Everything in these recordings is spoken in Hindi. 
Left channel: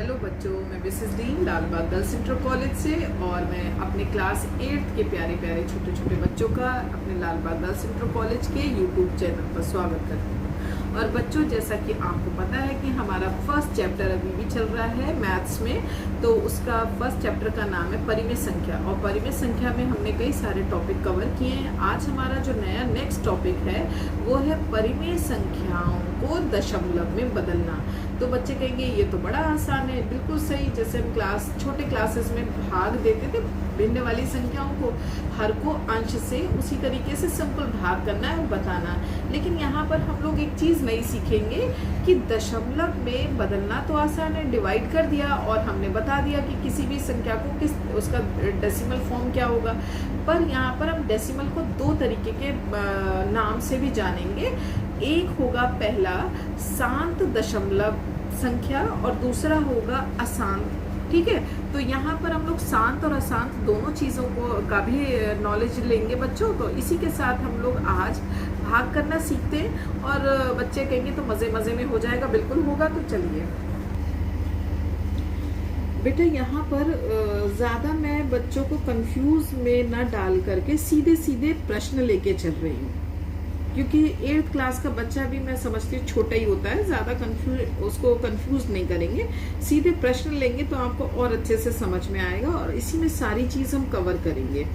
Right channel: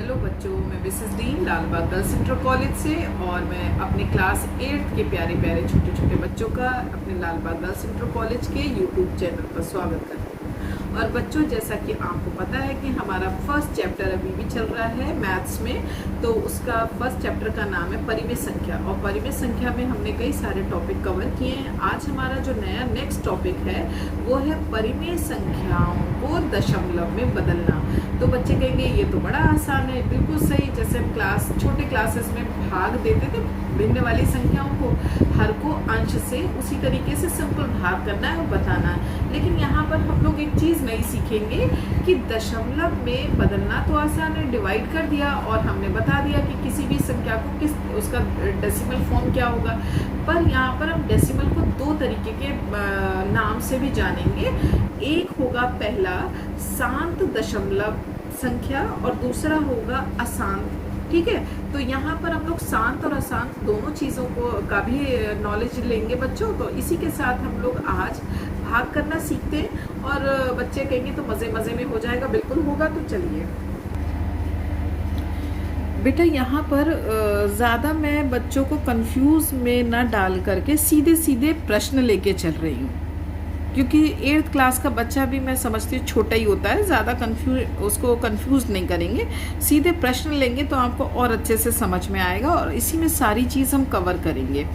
हेलो बच्चों, मैं Mrs Dean Lalbagh girls inter college से और मैं अपने क्लास 8 के प्यारे प्यारे छोटे छोटे बच्चों का अपने लालबाग गर्ल्स इंटर कॉलेज के यूट्यूब चैनल पर स्वागत करती हूँ। और बच्चों, जैसा कि आपको पता है कि हमारा फर्स्ट चैप्टर अभी भी चल रहा है मैथ्स में, तो उसका फर्स्ट चैप्टर का नाम है परिमेय संख्या। और परिमेय संख्या में हमने कई सारे टॉपिक कवर किए हैं। आज हमारा जो नया नेक्स्ट टॉपिक है वो है परिमेय संख्याओं को दशमलव में बदलना। तो बच्चे कहेंगे ये तो बड़ा आसान है। बिल्कुल सही, जैसे हम छोटे क्लासेस में भाग देते थे भिन्न वाली संख्याओं को, हर को अंश से, उसी तरीके से सिंपल भाग करना है और बताना है। लेकिन यहाँ पर हम लोग एक चीज नई सीखेंगे कि दशमलव में बदलना तो आसान है, डिवाइड कर दिया और हमने बता दिया कि किसी भी संख्या को किस उसका डेसिमल फॉर्म क्या होगा। पर यहाँ पर हम डेसिमल को दो तरीके के नाम से भी जानेंगे। एक होगा पहला शांत दशमलव संख्या और दूसरा होगा अशांत। ठीक है, तो यहाँ पर हम लोग शांत और अशांत दोनों चीजों का भी नॉलेज लेंगे बच्चों। तो इसी के साथ हम लोग आज भाग करना सीखते हैं और बच्चे कहेंगे तो मजे मजे में हो जाएगा। बिल्कुल होगा, तो चलिए बेटा। यहाँ पर ज्यादा मैं बच्चों को कंफ्यूज में ना डाल करके सीधे सीधे प्रश्न लेके चल रही हूँ, क्योंकि 8th क्लास का बच्चा भी मैं समझती हूँ छोटा ही होता है, ज्यादा उसको कंफ्यूज नहीं करेंगे। सीधे प्रश्न लेंगे तो आपको और अच्छे से समझ में आएगा और इसी में सारी चीज हम कवर करेंगे।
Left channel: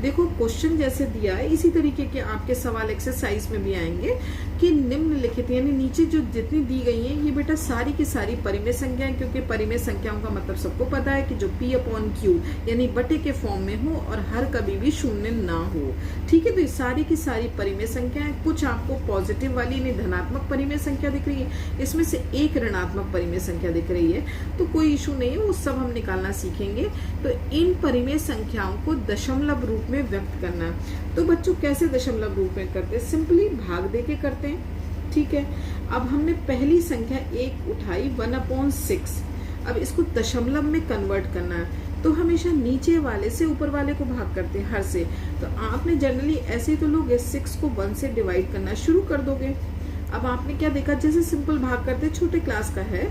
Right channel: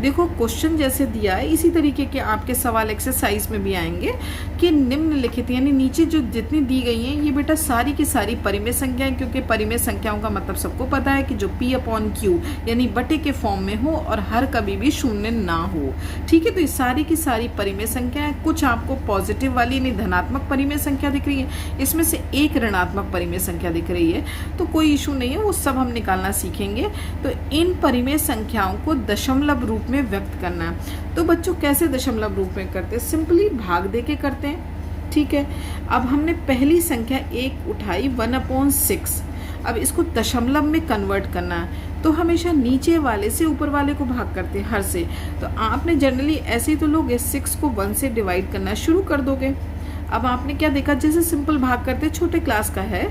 देखो, क्वेश्चन जैसे दिया है इसी तरीके के आपके सवाल एक्सरसाइज में भी आएंगे कि निम्नलिखित, यानी नीचे जो जितनी दी गई हैं ये बेटा सारी की सारी परिमेय संख्याएं, क्योंकि परिमेय संख्याओं का मतलब सबको पता है कि जो P/Q यानी बटे के फॉर्म में हो और हर कभी भी शून्य ना हो। ठीक है, तो ये सारी की सारी परिमेय संख्याएं, कुछ आपको पॉजिटिव वाली यानी धनात्मक परिमेय संख्या दिख रही है, इसमें से एक ऋणात्मक परिमेय संख्या दिख रही है, तो कोई इशू नहीं है, वो सब हम निकालना सीखेंगे। तो इन परिमेय संख्याओं को दशमलव रूप में व्यक्त करना है। तो बच्चों कैसे दशमलव रूप में करते हैं? सिंपली भाग दे के करते हैं। ठीक है, अब हमने पहली संख्या 1 उठाई 1/6। अब इसको दशमलव में कन्वर्ट करना है तो हमेशा नीचे वाले से ऊपर वाले को भाग करते हैं हर से। तो आपने जनरली ऐसे ही तो लोग 6 को 1 से डिवाइड करना शुरू कर दोगे। अब आपने क्या देखा, जैसे सिंपल भाग करते छोटे क्लास का है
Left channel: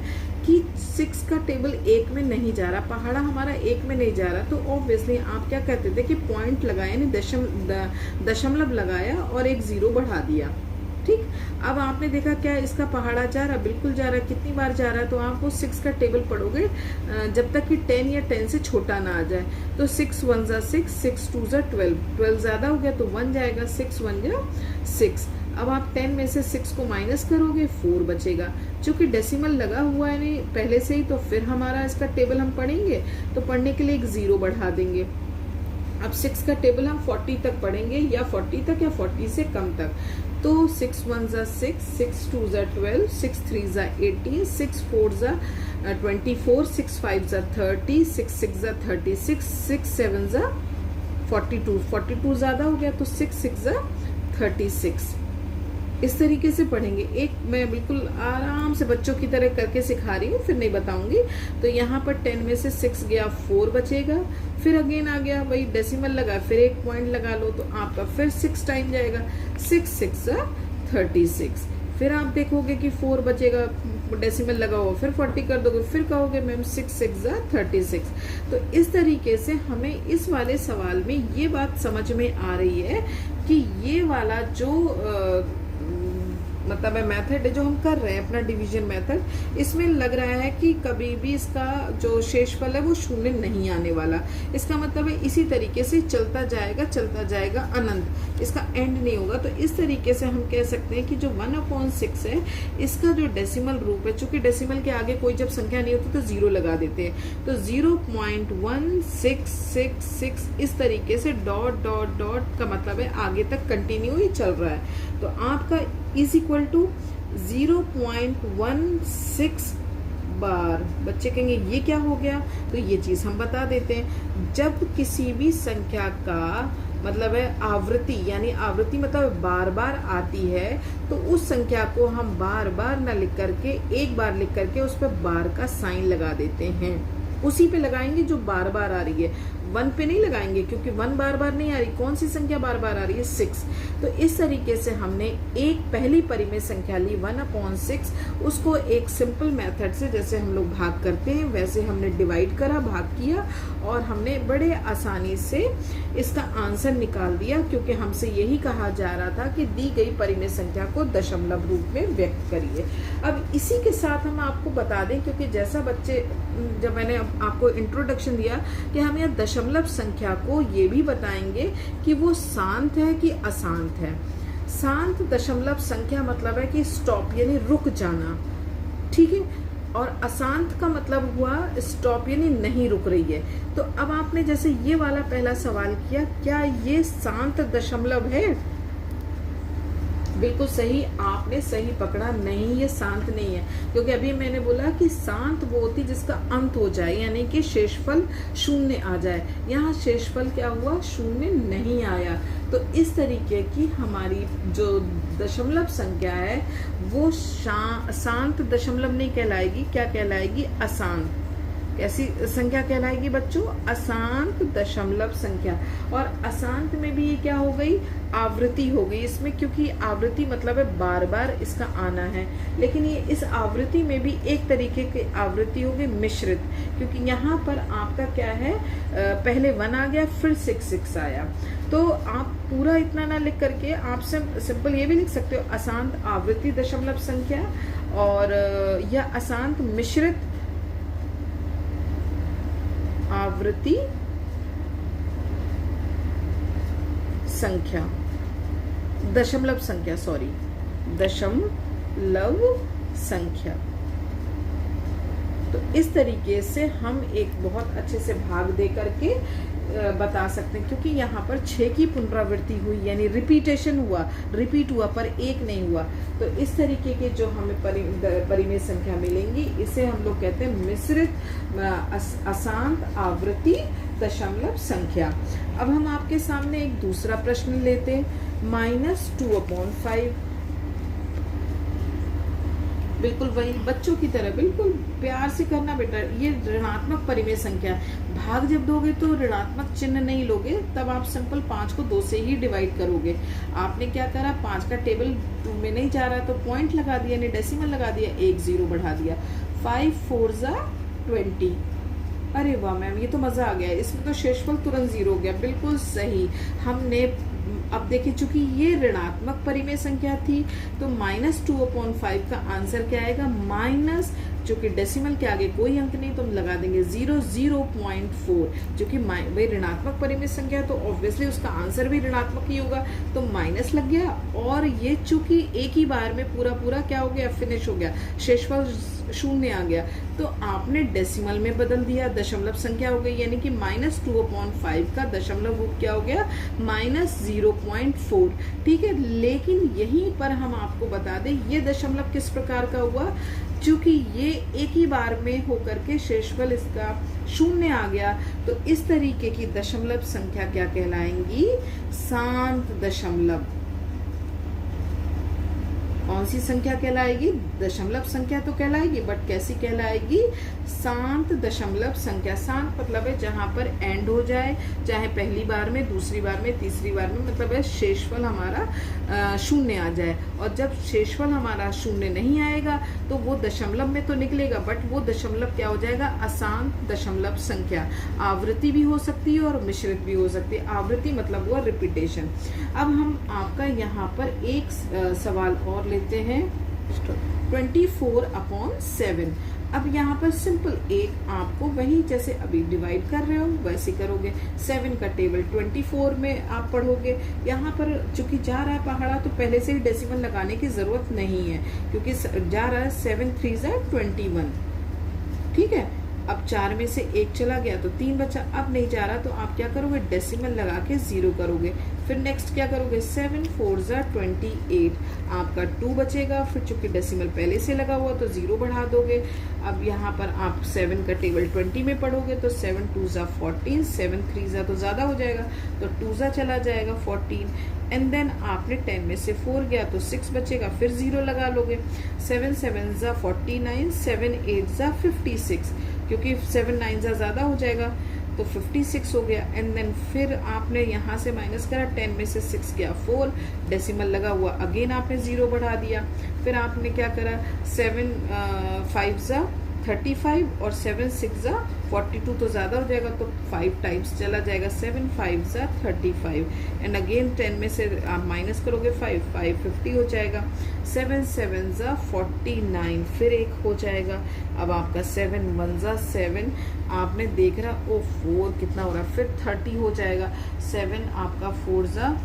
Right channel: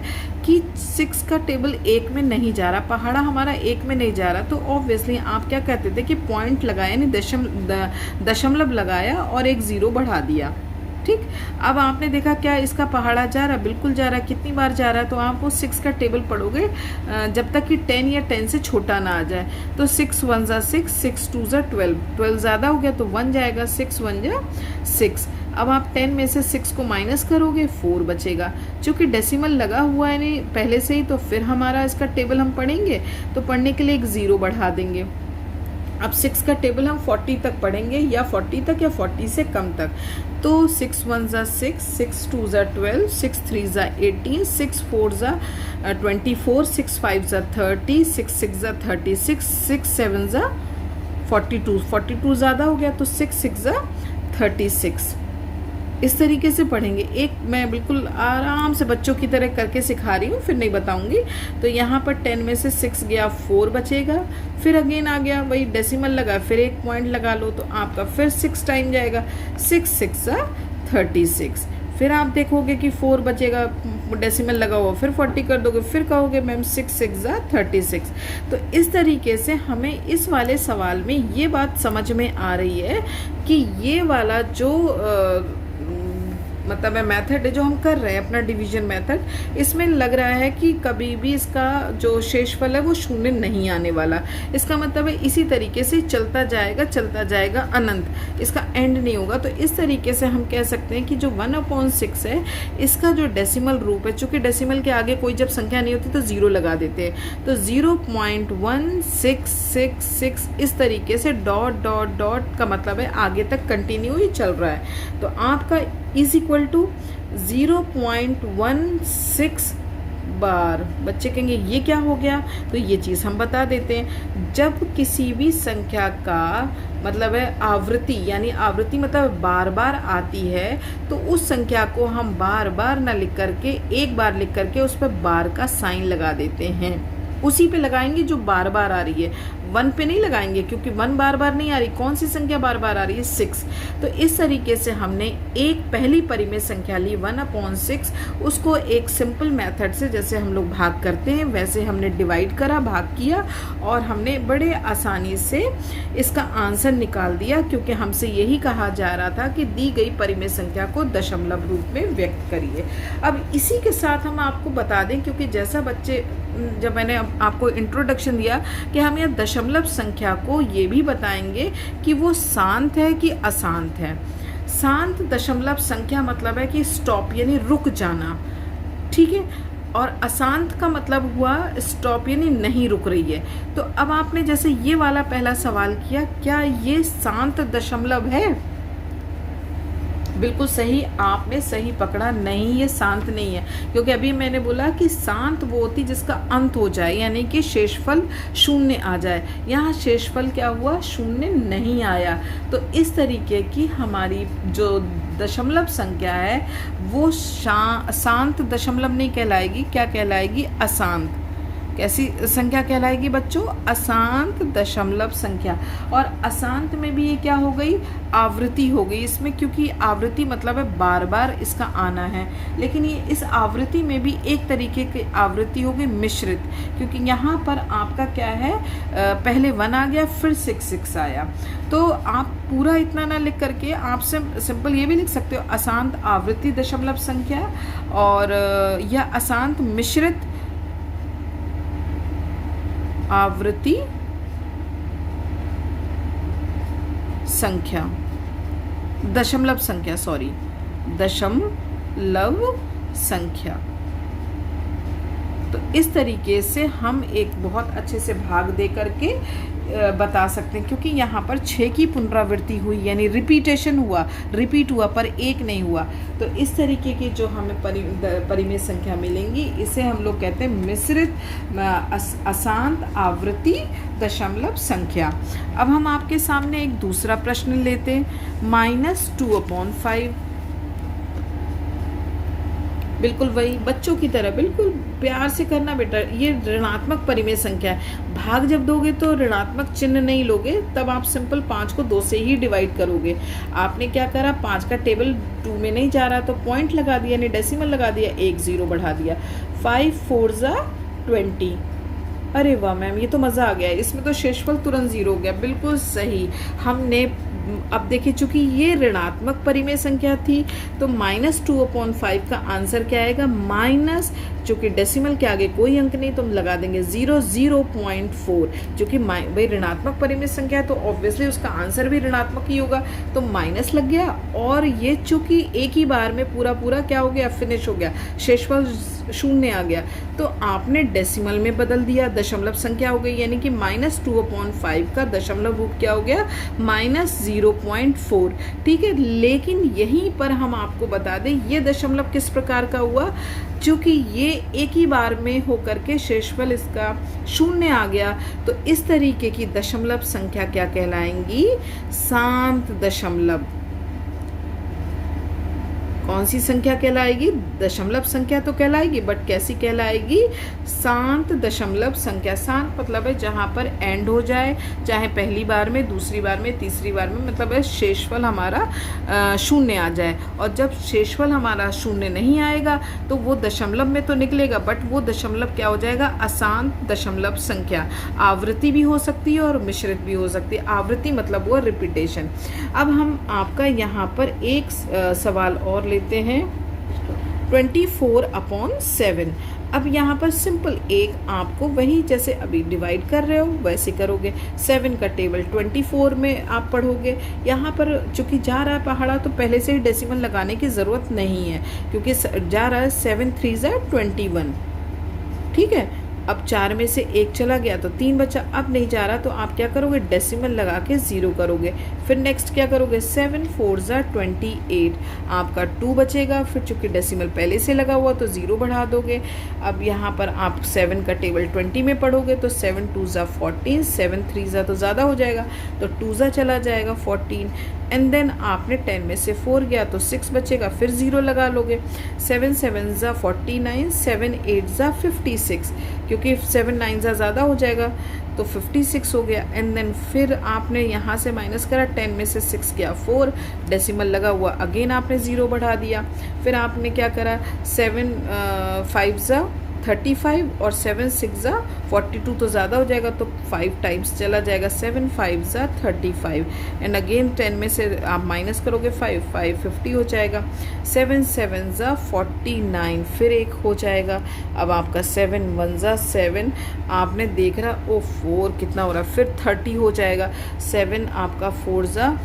कि 6 का टेबल 1 में नहीं जा रहा, पहाड़ा हमारा 1 में नहीं जा रहा, तो ऑब्वियसली आप क्या कहते थे कि पॉइंट लगाया यानी दशमलव लगाया और एक 0 बढ़ा दिया। ठीक, अब आपने देखा क्या इसका पहाड़ा जा रहा, बिल्कुल जा रहा। कितनी बार जा रहा है? तो आप वो 6 का टेबल पढ़ोगे जब तक कि 10 या 10 से छोटा ना आ जाए। तो 6 1 जा 6, 6 2 जा 12, 12 ज्यादा हो गया तो 1 जाएगा, 6 1 जा 6। अब आप 10 में से 6 को माइनस करोगे, 4 बचेगा। चूंकि डेसिमल लगा हुआ है नहीं पहले से ही, तो फिर हमारा इसका टेबल हम पढ़ेंगे तो पढ़ने के लिए एक 0 बढ़ा देंगे। अब 6 का टेबल हम 40 तक पढ़ेंगे, या 40 तक या 40 से कम तक। तो 6 1 जा 6, 6 2 जा 12, 6 3 जा 18, 6 4 जा 24, 6 5 जा 30, 6 6 जा 36, 6 7 जा 42, 42 ज्यादा हो गया तो 6 6 जा 36। इस तरीके से पढ़ेंगे। एक मैं बिल्कुल आराम से बच्चों की तरह करके सिखा रही हूँ, फिर नहीं बताऊंगी। तो यहाँ पर 10 में से 6 गया, 4 बचेगा। फिर अगेन आ गया, वही डेसिमल लगा, फिर एक पॉइंट लगा लो तो आपका फिर 6 टाइम जाएगा, 6 6 जा 36। फिर आप देखोगे कि 4 बचेगा, डेसिमल लगा हुआ, फिर 40 कर दोगे, फिर कहोगे मैम 6 6 जा 36। तो इस तरीके से हमें इस वाले सवाल में ये बात समझ में आ रही है कि ये वाला जो मतलब है मेथड है जो हम कर रहे हैं अपना डिवीजन मेथड, इसमें लग रहा है कि कभी भी इसका जो शेषफल है वो शून्य नहीं आने वाला। इसका मतलब है इसी तरीके से चलता जाएगा अनंत, इसका एंड नहीं होगा। तो इस तरीके से हम कह सकते हैं कि जो 1/6 है इसका जो डेसिमल रूप है, चूंकि डेसिमल के आगे कोई जब संख्या नहीं होती तो 0 लगा देते हैं, तो 0.1666 इस तरीके से डॉट डॉट डॉट का मतलब है आगे तक कंटिन्यू ही चल रहा है। तो आपका इज इक्वल टू 0.16 बार। बच्चे कहेंगे ये क्या हो गया, तो ये चीज हम बता देते हैं। जब किसी भी संख्या का मतलब है आवृत्ति, यानी आवृत्ति मतलब बार बार आती है, तो उस संख्या को हम बार बार ना लिख करके एक बार लिख करके उस पर बार का साइन लगा देते हैं। उसी पे लगाएंगे जो बार बार आ रही है, 1 पे नहीं लगाएंगे, क्योंकि 1 बार बार नहीं आ रही। कौन सी संख्या बार बार आ रही है? 6। तो इस तरीके से हमने एक पहली परिमेय संख्या ली 1/6, उसको एक सिंपल मेथड से, जैसे हम लोग भाग करते हैं वैसे हमने डिवाइड करा, भाग किया, और हमने बड़े आसानी से इसका आंसर निकाल दिया, क्योंकि हमसे यही कहा जा रहा था कि दी गई परिमेय संख्या को दशमलव रूप में व्यक्त करिए। अब इसी के साथ हम आपको बता दें, क्योंकि जैसा बच्चे, जब मैंने आपको इंट्रोडक्शन दिया कि हम यहाँ दशमलव संख्या को ये भी बताएंगे कि वो शांत है कि अशांत है। शांत दशमलव संख्या मतलब है कि स्टॉप यानी रुक जाना, ठीक है, और अशांत का मतलब हुआ स्टॉप यानी नहीं रुक रही है। तो अब आपने जैसे ये वाला पहला सवाल किया, क्या ये शांत दशमलव है? बिल्कुल सही, आपने सही पकड़ा, नहीं ये शांत नहीं है, क्योंकि अभी मैंने बोला कि शांत वो होती जिसका अंत हो जाए, यानी कि शेषफल 0 आ जाए। यहाँ शेषफल क्या हुआ? 0 नहीं आया। तो इस तरीके की हमारी जो दशमलव संख्या है वो शांत दशमलव नहीं कहलाएगी, क्या कहलाएगी? अशांत। कैसी संख्या कहलाएगी बच्चों? अशांत दशमलव संख्या। और अशांत में भी ये क्या हो गई? आवृत्ति हो गई इसमें, क्योंकि आवृत्ति मतलब है बार बार इसका आना है। लेकिन ये इस आवृत्ति में भी एक तरीके की आवृत्ति हो गई मिश्रित, क्योंकि यहाँ पर आपका क्या है, पहले 1 आ गया, फिर 6 आया। तो आप पूरा इतना ना लिख करके आप सिंपल ये भी लिख सकते हो, अशांत आवृत्ति दशमलव संख्या, और या अशांत मिश्रित आवृत्ति संख्या, दशमलव संख्या, सॉरी, दशमलव संख्या। तो इस तरीके से हम एक बहुत अच्छे से भाग दे करके बता सकते हैं, क्योंकि यहाँ पर 6 की पुनरावृत्ति हुई, यानी रिपीटेशन हुआ, रिपीट हुआ, पर एक नहीं हुआ। तो इस तरीके की जो हमें परिमेय संख्या मिलेंगी, इसे हम लोग कहते हैं मिश्रित अशांत आवृत्ति दशमलव संख्या। अब हम आपके सामने एक दूसरा प्रश्न लेते हैं, -2/5। बिल्कुल वही बच्चों की तरह, बिल्कुल प्यार से करना बेटा। ये ऋणात्मक परिमेय संख्या है, भाग जब दोगे तो ऋणात्मक चिन्ह नहीं लोगे, तब आप सिंपल 5 को 2 से ही डिवाइड करोगे। आपने क्या करा, 5 का टेबल 2 में नहीं जा रहा तो पॉइंट लगा दिया, यानी डेसिमल लगा दिया, 1 0 बढ़ा दिया। 5 4 20। अरे वाह मैम, ये तो मजा आ गया, इसमें तो शेषफल तुरंत 0 हो गया। बिल्कुल सही। हमने अब देखिए, चूंकि ये ऋणात्मक परिमेय संख्या थी, तो -2/5 का आंसर क्या आएगा? माइनस, चूंकि डेसिमल के आगे कोई अंक नहीं तो हम लगा देंगे 0.4। चूंकि भाई ऋणात्मक परिमेय संख्या तो ऑब्वियसली उसका आंसर भी ऋणात्मक ही होगा, तो माइनस लग गया। और ये चूंकि एक ही बार में पूरा क्या हो गया? फिनिश हो गया, शेषफल 0 आ गया। तो आपने डेसिमल में बदल दिया, दशमलव संख्या हो गई, यानी कि -2/5 का दशमलव रूप क्या हो गया? -0.4। ठीक है, लेकिन यहीं पर हम आपको बता दें, ये दशमलव किस प्रकार का हुआ? चूंकि ये एक ही बार में होकर के शेषफल इसका 0 आ गया, तो इस तरीके की दशमलव संख्या क्या कहलाएंगी? शांत दशमलव। कौन सी संख्या कहलाएगी? दशमलव संख्या तो कहलाएगी, बट कैसी कहलाएगी? शांत दशमलव संख्या। शांत मतलब है जहां पर एंड हो जाए, चाहे पहली बार में, दूसरी बार में, तीसरी बार में, मतलब है शेषफल हमारा 0 आ जाए। और जब शेषफल हमारा 0 नहीं आएगा तो वो दशमलव में तो निकलेगा, बट वो दशमलव क्या हो जाएगा? अशांत दशमलव संख्या। आवृत्ति भी हो सकती है और मिश्रित भी हो सकती है। आवृत्ति मतलब वो रिपीटेशन। अब हम आपका यहाँ पर एक सवाल और लेते हैं, 24/7। अब यहाँ पर सिंपल एक आपको वही जैसे अभी डिवाइड कर रहे हो वैसे करोगे। 7 का टेबल 24 में आप पढ़ोगे। यहाँ पर चूंकि जा रहा है पहाड़ा, तो पहले से ही डेसिमल लगाने की ज़रूरत नहीं है, क्योंकि जा रहा है 7 3 21। ठीक है, अब 4 में से 1 चला गया तो 3 बचा, अब नहीं जा रहा तो आप क्या करोगे? डेसिमल लगा के 0 करोगे। फिर नेक्स्ट क्या करोगे? 7 4 28, आपका 2 बचेगा। फिर चूंकि डेसिमल पहले से लगा हुआ तो 0 बढ़ा दोगे। अब यहाँ पर आप 7 का टेबल 20 में पढ़ोगे तो 7 2 14, 7 3 तो ज़्यादा हो जाएगा, तो 2 चला जाएगा 14। एंड देन आपने 10 में से 4 गया तो 6 बचेगा, फिर 0 लगा लोगे। 7 7 ज़ा 49, 7 8 ज़ा 56, क्योंकि 7 9 ज़ा ज़्यादा हो जाएगा तो 56 हो गया। एंड देन फिर आपने यहाँ से माइनस करा, 10 में से 6 गया 4, डेसिमल लगा हुआ, अगेन आपने 0 बढ़ा दिया। फिर आपने क्या करा, 7 5 ज़ा 35 और 7 6 ज़ा 42 तो ज़्यादा हो जाएगा तो 5 टाइम्स चला जाएगा, 7 5 ज़ा 35 एंड अगेन 10 में से आप माइनस करोगे 5 5 50 हो जाएगा। 7 7 ज़ा 49 फिर एक हो जाएगा। अब आपका 7 1 ज़ा 7, आपने देख रहा ओ 4 कितना हो रहा है, फिर 30 हो जाएगा। 7 आपका 4 ज़ा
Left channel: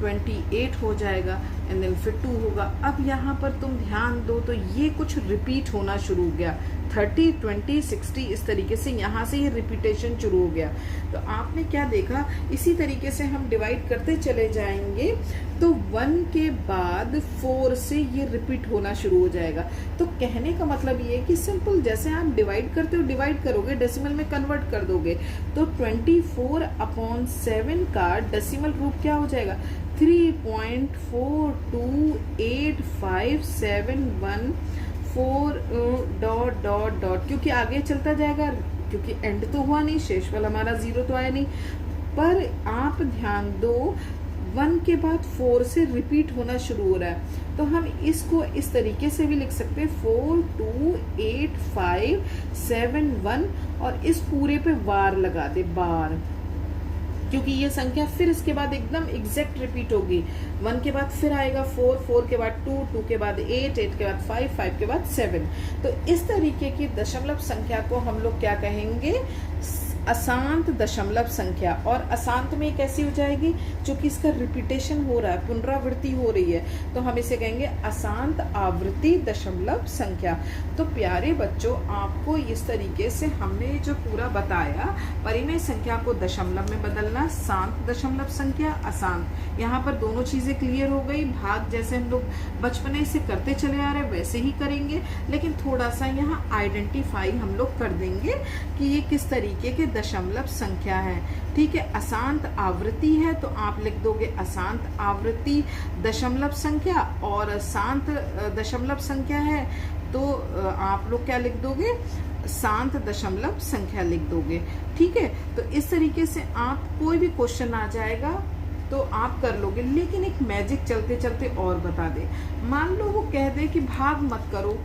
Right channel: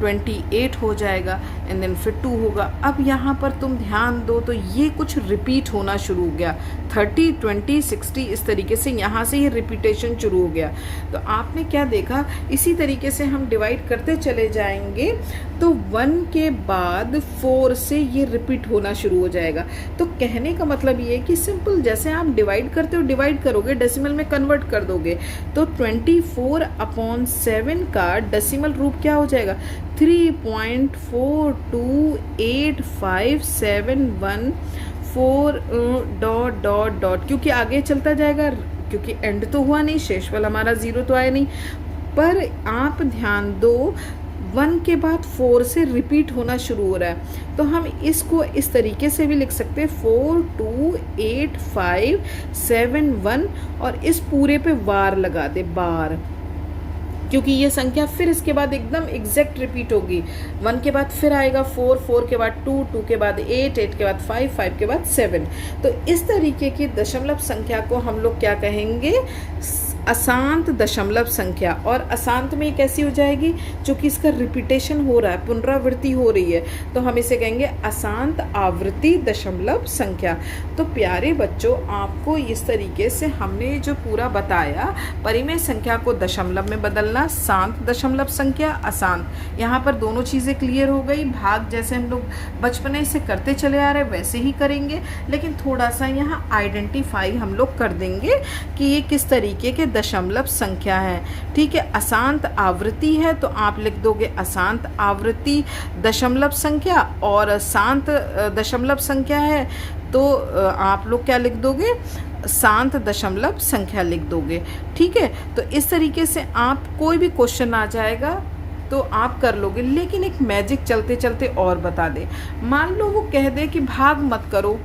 28 हो जाएगा एंड देन फिर 2 होगा। अब यहाँ पर तुम ध्यान दो तो ये कुछ रिपीट होना शुरू हो गया, 30 20 60 इस तरीके से यहाँ से ये रिपीटेशन शुरू हो गया। तो आपने क्या देखा, इसी तरीके से हम डिवाइड करते चले जाएंगे तो 1 के बाद 4 से ये रिपीट होना शुरू हो जाएगा। तो कहने का मतलब ये है कि सिंपल जैसे आप डिवाइड करते हो डिवाइड करोगे, डेसिमल में कन्वर्ट कर दोगे तो 24/7 का डेसिमल रूप क्या हो जाएगा, 3.4285714 ... क्योंकि आगे चलता जाएगा, क्योंकि एंड तो हुआ नहीं, शेषफल हमारा 0 तो आया नहीं। पर आप ध्यान दो 1 के बाद 4 से रिपीट होना शुरू हो रहा है, तो हम इसको इस तरीके से भी लिख सकते हैं 42857 और इस पूरे पे वार लगा दे, बार, क्योंकि ये संख्या फिर इसके बाद एकदम एग्जैक्ट रिपीट होगी। 1 के बाद फिर आएगा 4, 4 के बाद 2, 2 के बाद 8, 8 के बाद 5, 5 के बाद 7। तो इस तरीके की दशमलव संख्या को हम लोग क्या कहेंगे, अशांत दशमलव संख्या। और अशांत में कैसी हो जाएगी, क्योंकि इसका रिपीटेशन हो रहा है, पुनरावृत्ति हो रही है, तो हम इसे कहेंगे अशांत आवृत्ति दशमलव संख्या। तो प्यारे बच्चों, आपको इस तरीके से हमने जो पूरा बताया, परिमेय संख्या को दशमलव में बदलना, शांत दशमलव संख्या, अशांत, यहाँ पर दोनों चीज़ें क्लियर हो गई। भाग जैसे हम लोग बचपने से करते चले आ रहे वैसे ही करेंगे, लेकिन थोड़ा सा यहाँ आइडेंटिफाई हम लोग कर देंगे कि ये किस तरीके के दशमलव संख्या है। ठीक है, अशांत आवृत्ति है तो आप लिख दोगे अशांत आवृत्ति दशमलव संख्या, और शांत दशमलव संख्या है तो आप लोग क्या लिख दोगे, शांत दशमलव संख्या लिख दोगे। ठीक है, तो इस तरीके से आप कोई भी क्वेश्चन आ जाएगा तो आप कर लोगे। लेकिन एक मैजिक चलते चलते और बता दे, मान लो वो कह दे कि भाग मत करो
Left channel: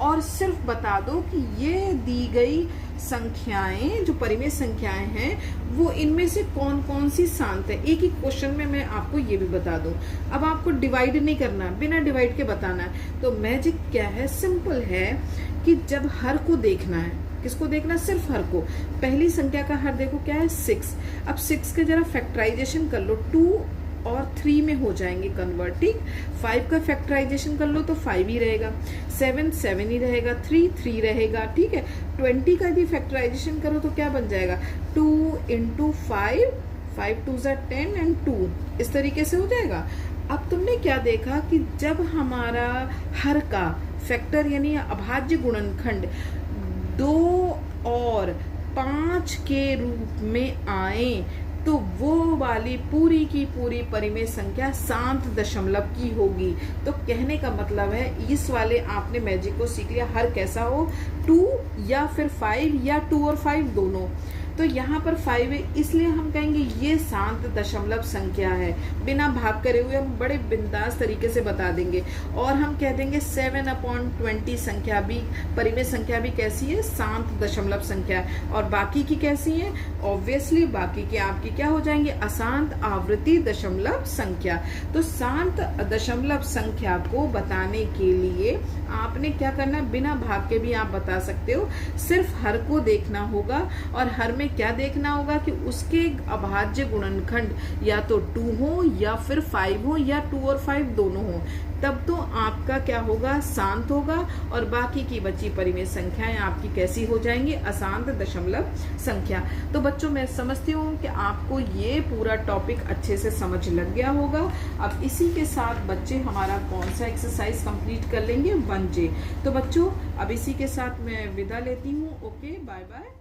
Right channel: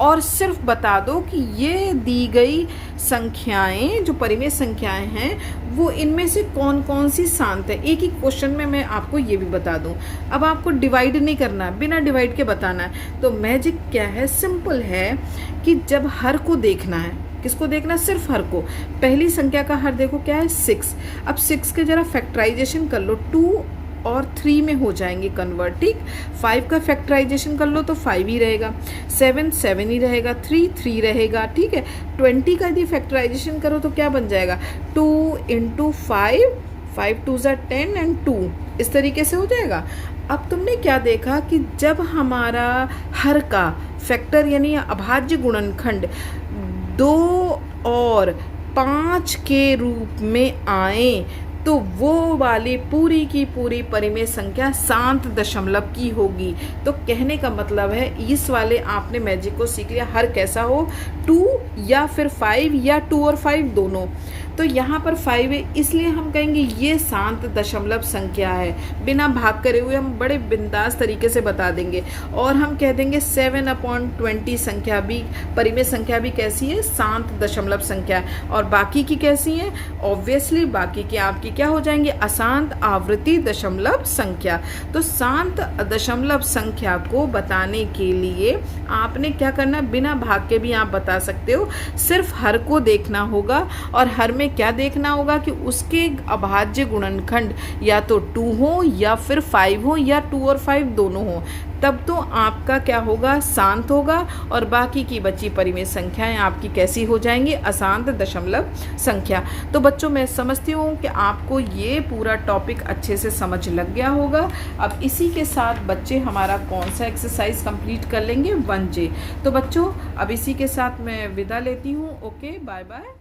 और सिर्फ बता दो कि ये दी गई संख्याएं जो परिमेय संख्याएं हैं वो इनमें से कौन कौन सी शांत है। एक ही क्वेश्चन में मैं आपको ये भी बता दूं। अब आपको डिवाइड नहीं करना, बिना डिवाइड के बताना है। तो मैजिक क्या है, सिंपल है कि जब हर को देखना है, किसको देखना, सिर्फ हर को। पहली संख्या का हर देखो क्या है, 6। अब 6 के जरा फैक्टराइजेशन कर लो, 2 और 3 में हो जाएंगे कन्वर्ट। ठीक, 5 का फैक्टराइजेशन कर लो तो 5 ही रहेगा, 7 7 ही रहेगा, 3 3 रहेगा। ठीक है, 20 का यदि फैक्टराइजेशन करो तो क्या बन जाएगा, 2 × 5, 5 2 ज़ा 10 एंड 2, इस तरीके से हो जाएगा। अब तुमने क्या देखा कि जब हमारा हर का फैक्टर यानी अभाज्य गुणनखंड 2 और 5 के रूप में आए तो वो वाली पूरी की पूरी परिमेय संख्या शांत दशमलव की होगी। तो कहने का मतलब है इस वाले आपने मैजिक को सीख लिया, हर कैसा हो, 2 या फिर 5 या 2 और 5 दोनों। तो यहाँ पर 5 है इसलिए हम कहेंगे ये शांत दशमलव संख्या है। बिना भाग करे हुए हम बड़े बिंदास तरीके से बता देंगे। और हम कह देंगे 7/20 संख्या भी, परिमेय संख्या भी कैसी है, शांत दशमलव संख्या। और बाकी की कैसी है, ऑब्वियसली बाकी की आपकी क्या हो जाएंगे, अशांत आवृत्ति दशमलव संख्या। तो शांत दशमलव संख्या को बताने के लिए आपने क्या करना, बिना भाग के भी आप बता सकते हो, सिर्फ हर को देखना होगा। और हर में क्या देखना होगा कि उसके अभाज्य गुणनखंड या तो 2 हो या फिर 5 हो या 2 और 5 दोनों हो, तब तो आपका क्या होगा, शांत होगा। और बाकी की बची परिमेय संख्याएं आपकी कैसी हो जाएंगी, अशांत दशमलव संख्या। तो बच्चों मैं समझती हूँ कि आपको ये पूरा टॉपिक अच्छे से समझ लग गया होगा। अब इसी के साथ बच्चे हमारा कौन सा एक्सरसाइज कंप्लीट कर लेंगे, 1J। तो बच्चों अब इसी के साथ मैं विदा लेती हूँ। Okay, bye bye.